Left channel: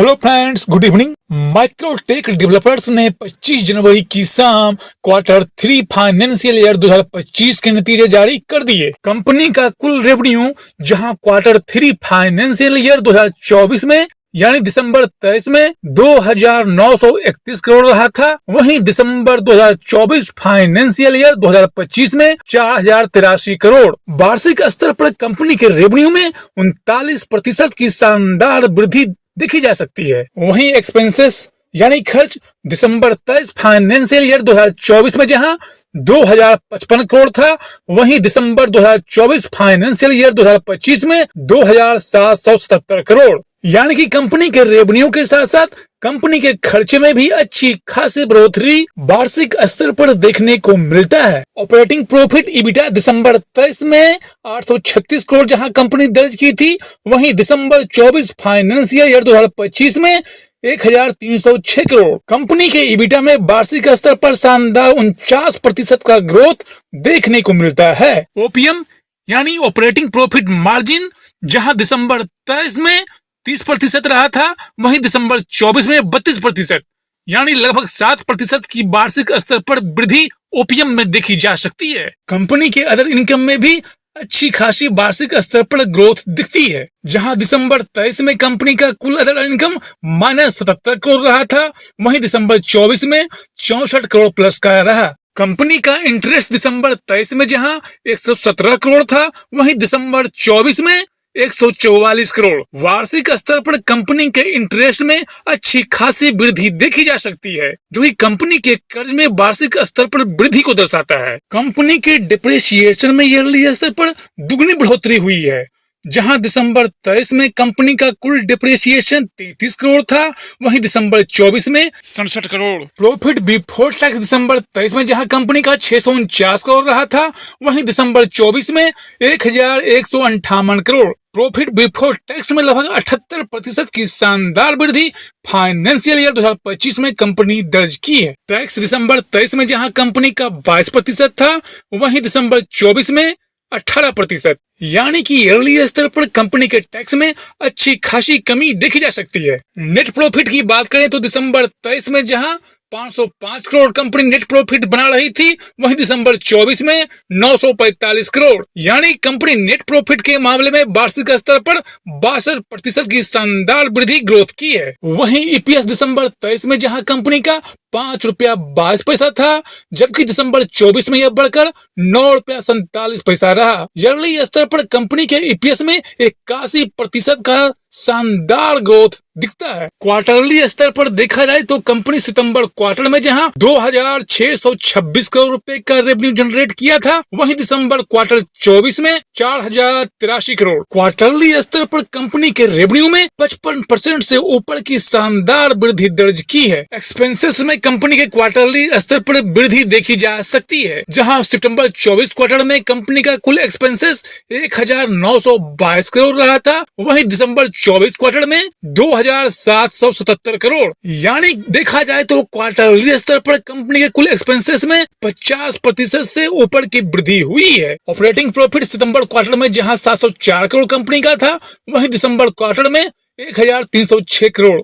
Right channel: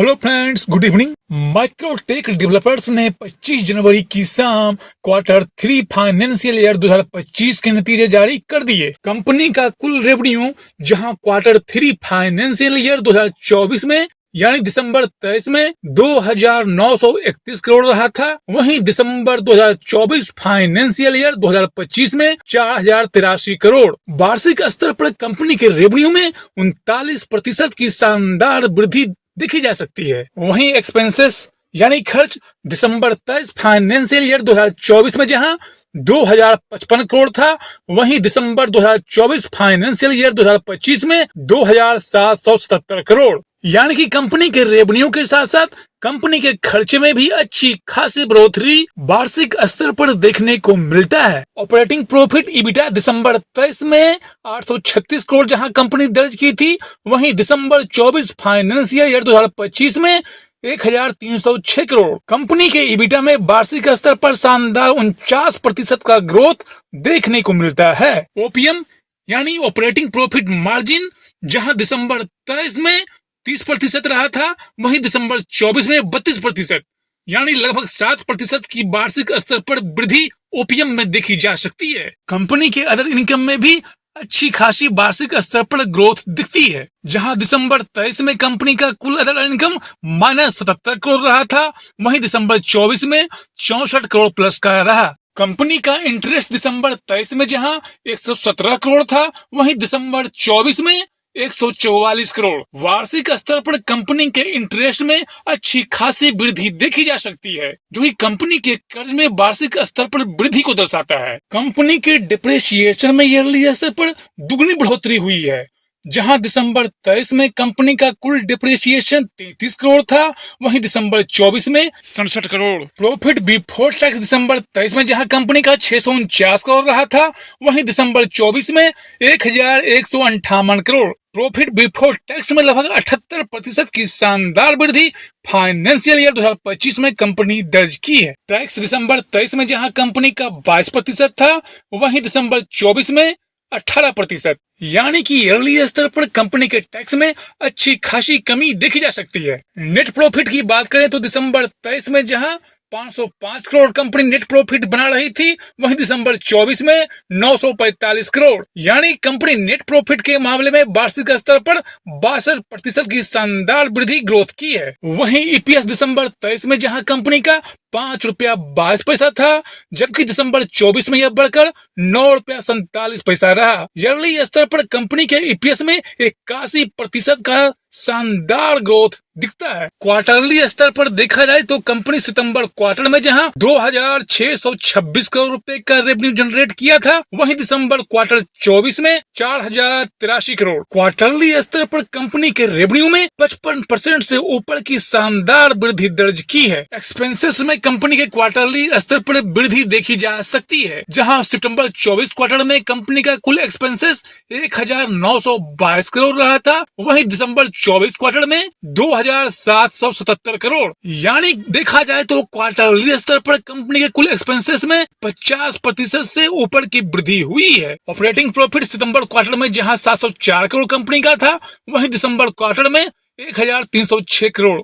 Hello friends, good evening. Microtek developers ने 25 जनवरी की शाम Q3 फाइनेंशियल ईयर 2025 के नतीजे जारी कर दिए। कंपनी का कुल रेवेन्यू जहां Q3 फाइनेंशियल ईयर 2024 में यानी दिसंबर 23 में 2,931 करोड़ रहा था, वहीं दिसंबर 2024 फाइनेंशियल ईयर 2025 में 4,083 करोड़। वार्षिक स्तर पर कंपनी के रेवेन्यू में 39% की शानदार वृद्धि देखी जा सकती है। वहीं एक्सपेंसेस यानी खर्च दिसंबर 23 फाइनेंशियल ईयर 2024 में जहां 2,055 करोड़ था, वहीं दिसंबर 2024 फाइनेंशियल ईयर 2025 में 2,777 करोड़। यानी कि कंपनी के रेवेन्यू के साथ साथ कंपनी के खर्चे में भी अच्छी खासी बढ़ोतरी वार्षिक स्तर पर देखने को मिलता है। ऑपरेटिंग प्रॉफिट ईबिटा दिसंबर 23 में 836 करोड़ जहां कंपनी दर्ज की थी, वहीं दिसंबर 24 फाइनेंशियल ईयर 2025 में 1,306 करोड़। कंपनी के ईबिटा में वार्षिक स्तर पर शानदार 49% का ग्रोथ देखने को मिलता है। ओपीएम यानी ऑपरेटिंग प्रॉफिट मार्जिन जहां दिसंबर 23 में 30% रहा था, वहीं दिसंबर 24 में 32%, यानी लगभग 7% की वार्षिक स्तर पर वृद्धि ओपीएम में देखी जा सकती है। कंपनी के अदर इनकम में भी अच्छी खासी वार्षिक स्तर पर ग्रोथ दिखती है, जहां दिसंबर 23 में कंपनी का कुल अदर इनकम -77 करोड़ रहा था, वहीं दिसंबर 24 में 64 करोड़ प्लस का रहा। कंपनी का इंटरेस्ट दिसंबर 23 में जहां 117 करोड़ था, वहीं दिसंबर 24 में 144 करोड़। वार्षिक स्तर पर कंपनी के इंटरेस्ट में अच्छी खासी वृद्धि देखी जा सकती है, जो कि कंपनी के कर्ज में वार्षिक स्तर पर वृद्धि को दर्शाता है। कंपनी के डिप्रेशिएशन में ईयरली स्तर पर दुगनी बढ़ोतरी हुई है, जहां दिसंबर 23 में कंपनी का कुल डिप्रेशिएशन 33 करोड़ था, वहीं दिसंबर 24 में 67 करोड़। प्रॉफिट बिफोर टैक्स दिसंबर 23 में जहां कंपनी का 649 करोड़ रहा था, वहीं दिसंबर 24 में 1,158 करोड़। प्रॉफिट बिफोर टैक्स में लगभग 78% की शानदार वृद्धि फाइनेंशियल ईयर 2025 में कंपनी दर्ज की है। टैक्स दिसंबर 23 में जहां कंपनी का 22% था, वहीं दिसंबर 24 में 18%, यानी कि ईयरली स्तर पर कंपनी के टैक्स में अच्छी खासी कमी देखी जा सकती है। नेट प्रॉफिट की बात करें तो दिसंबर 23 में जहां 505 करोड़ कंपनी नेट प्रॉफिट बना रही थी, वहीं दिसंबर 24 में 945 करोड़, यानी कंपनी नेट प्रॉफिट के मामले में वार्षिक स्तर पर 62% की शानदार वृद्धि ग्रोथ की है। वहीं ईपीएस दिसंबर 23 में जहां कंपनी का 5 रुपया 22 पैसा था, जबकि दिसंबर 24 में यह बढ़कर 9 रुपया 47 पैसा रहा। ईयरली स्तर पर कंपनी के ईपीएस में 81% का शानदार ग्रोथ दिखता है। क्वार्टरली स्तर पर देखा जाए तो कंपनी सितंबर क्वार्टर में जहां 2,626 करोड़ रुपए का रेवेन्यू जनरेट किया था, वहीं दिसंबर क्वार्टर 24 में 4,083 करोड़। क्वार्टरली स्तर पर कंपनी के रेवेन्यू में 55% से ऊपर की शानदार वृद्धि दर्ज की है। एक्सपेंसेस में कंपनी के क्वार्टरली स्तर पर वृद्धि देखी जा सकती है, जहां सितंबर 24 क्वार्टर में कंपनी का कुल एक्सपेंसेस 1,922 करोड़ रहा था, वहीं दिसंबर 24 क्वार्टर में 2,777 करोड़। यानी देखा जाए तो क्वार्टरली स्तर पर कंपनी के कुल एक्सपेंसेस में 50% से ऊपर की वृद्धि हुई है। ऑपरेटिंग प्रॉफिट सितंबर क्वार्टर में जहां 704 करोड़ कंपनी का था, वहीं दिसंबर क्वार्टर में 1,306 करोड़,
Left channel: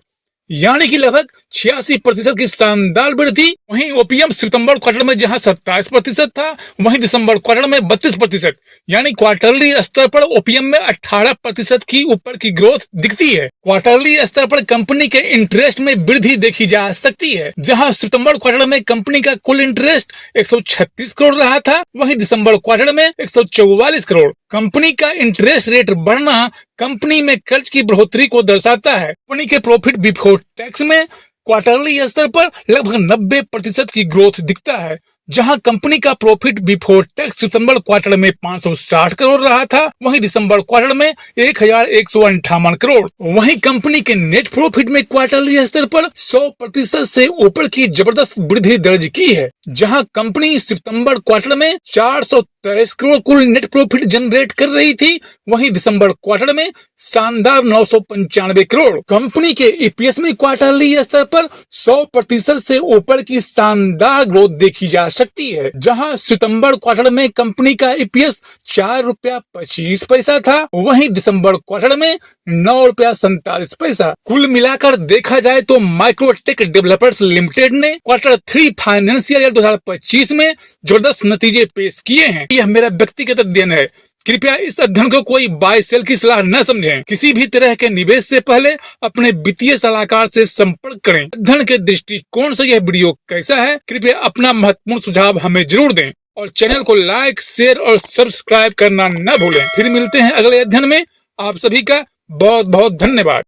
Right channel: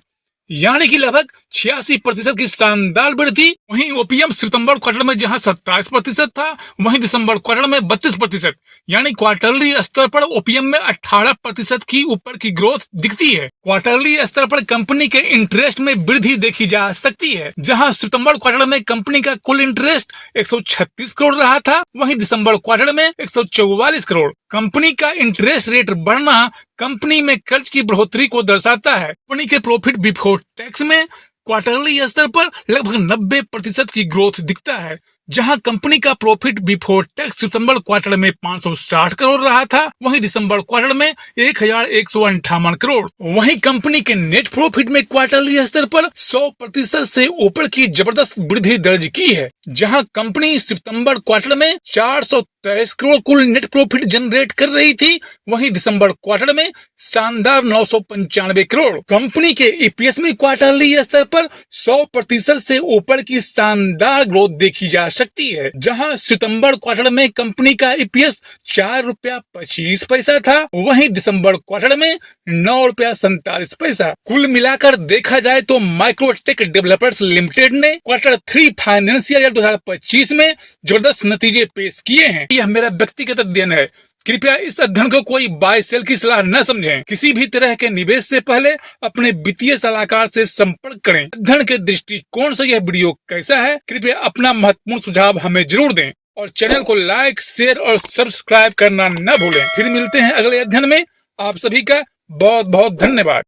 यानी कि लगभग 86% की शानदार वृद्धि। वहीं ओपीएम सितंबर क्वार्टर में जहां 27% था, वहीं दिसंबर क्वार्टर में 32%, यानी क्वार्टरली स्तर पर ओपीएम में 18% की ऊपर की ग्रोथ दिखती है। क्वार्टरली स्तर पर कंपनी के इंटरेस्ट में वृद्धि देखी जा सकती है, जहां सितंबर क्वार्टर में कंपनी का कुल इंटरेस्ट 136 करोड़ रहा था, वहीं दिसंबर क्वार्टर में 144 करोड़। कंपनी का इंटरेस्ट रेट बढ़ना कंपनी में कर्ज की बढ़ोतरी को दर्शाता है। कंपनी के प्रॉफिट बिफोर टैक्स में क्वार्टरली स्तर पर लगभग 90% की ग्रोथ दिखता है, जहां कंपनी का प्रॉफिट बिफोर टैक्स सितंबर क्वार्टर में 560 करोड़ रहा था, वहीं दिसंबर क्वार्टर में 1,158 करोड़। वहीं कंपनी के नेट प्रॉफिट में क्वार्टरली स्तर पर 100% से ऊपर की जबरदस्त वृद्धि दर्ज की है, जहां कंपनी सितंबर क्वार्टर में 23 करोड़ कुल नेट प्रॉफिट जनरेट कर रही थी, वहीं दिसंबर क्वार्टर में शानदार 995 करोड़। कंपनी के ईपीएस में क्वार्टरली स्तर पर 100% से ऊपर की शानदार ग्रोथ देखी जा सकती है, जहां सितंबर क्वार्टर में कंपनी का ईपीएस ₹4.25 था, वहीं दिसंबर क्वार्टर में ₹9.47। कुल मिलाकर देखा जाए तो माइक्रोटेक डेवलपर्स लिमिटेड ने क्वार्टर 3 फाइनेंशियल ईयर 2025 में जबरदस्त नतीजे पेश किए हैं। यह मेरा व्यक्तिगत अध्ययन है, कृपया इस अध्ययन को कोई बाय सेल की सलाह न समझें। किसी भी तरह के निवेश से पहले अपने वित्तीय सलाहकार से संपर्क करें। अध्ययन के दृष्टिकोण से यह वीडियो कैसा है, कृपया अपना महत्वपूर्ण सुझाव हमें जरूर दें और चैनल को लाइक, शेयर और सब्सक्राइब करना न भूलें। फिर मिलते हैं अगले अध्ययन में। आप सभी का बहुत बहुत धन्यवाद।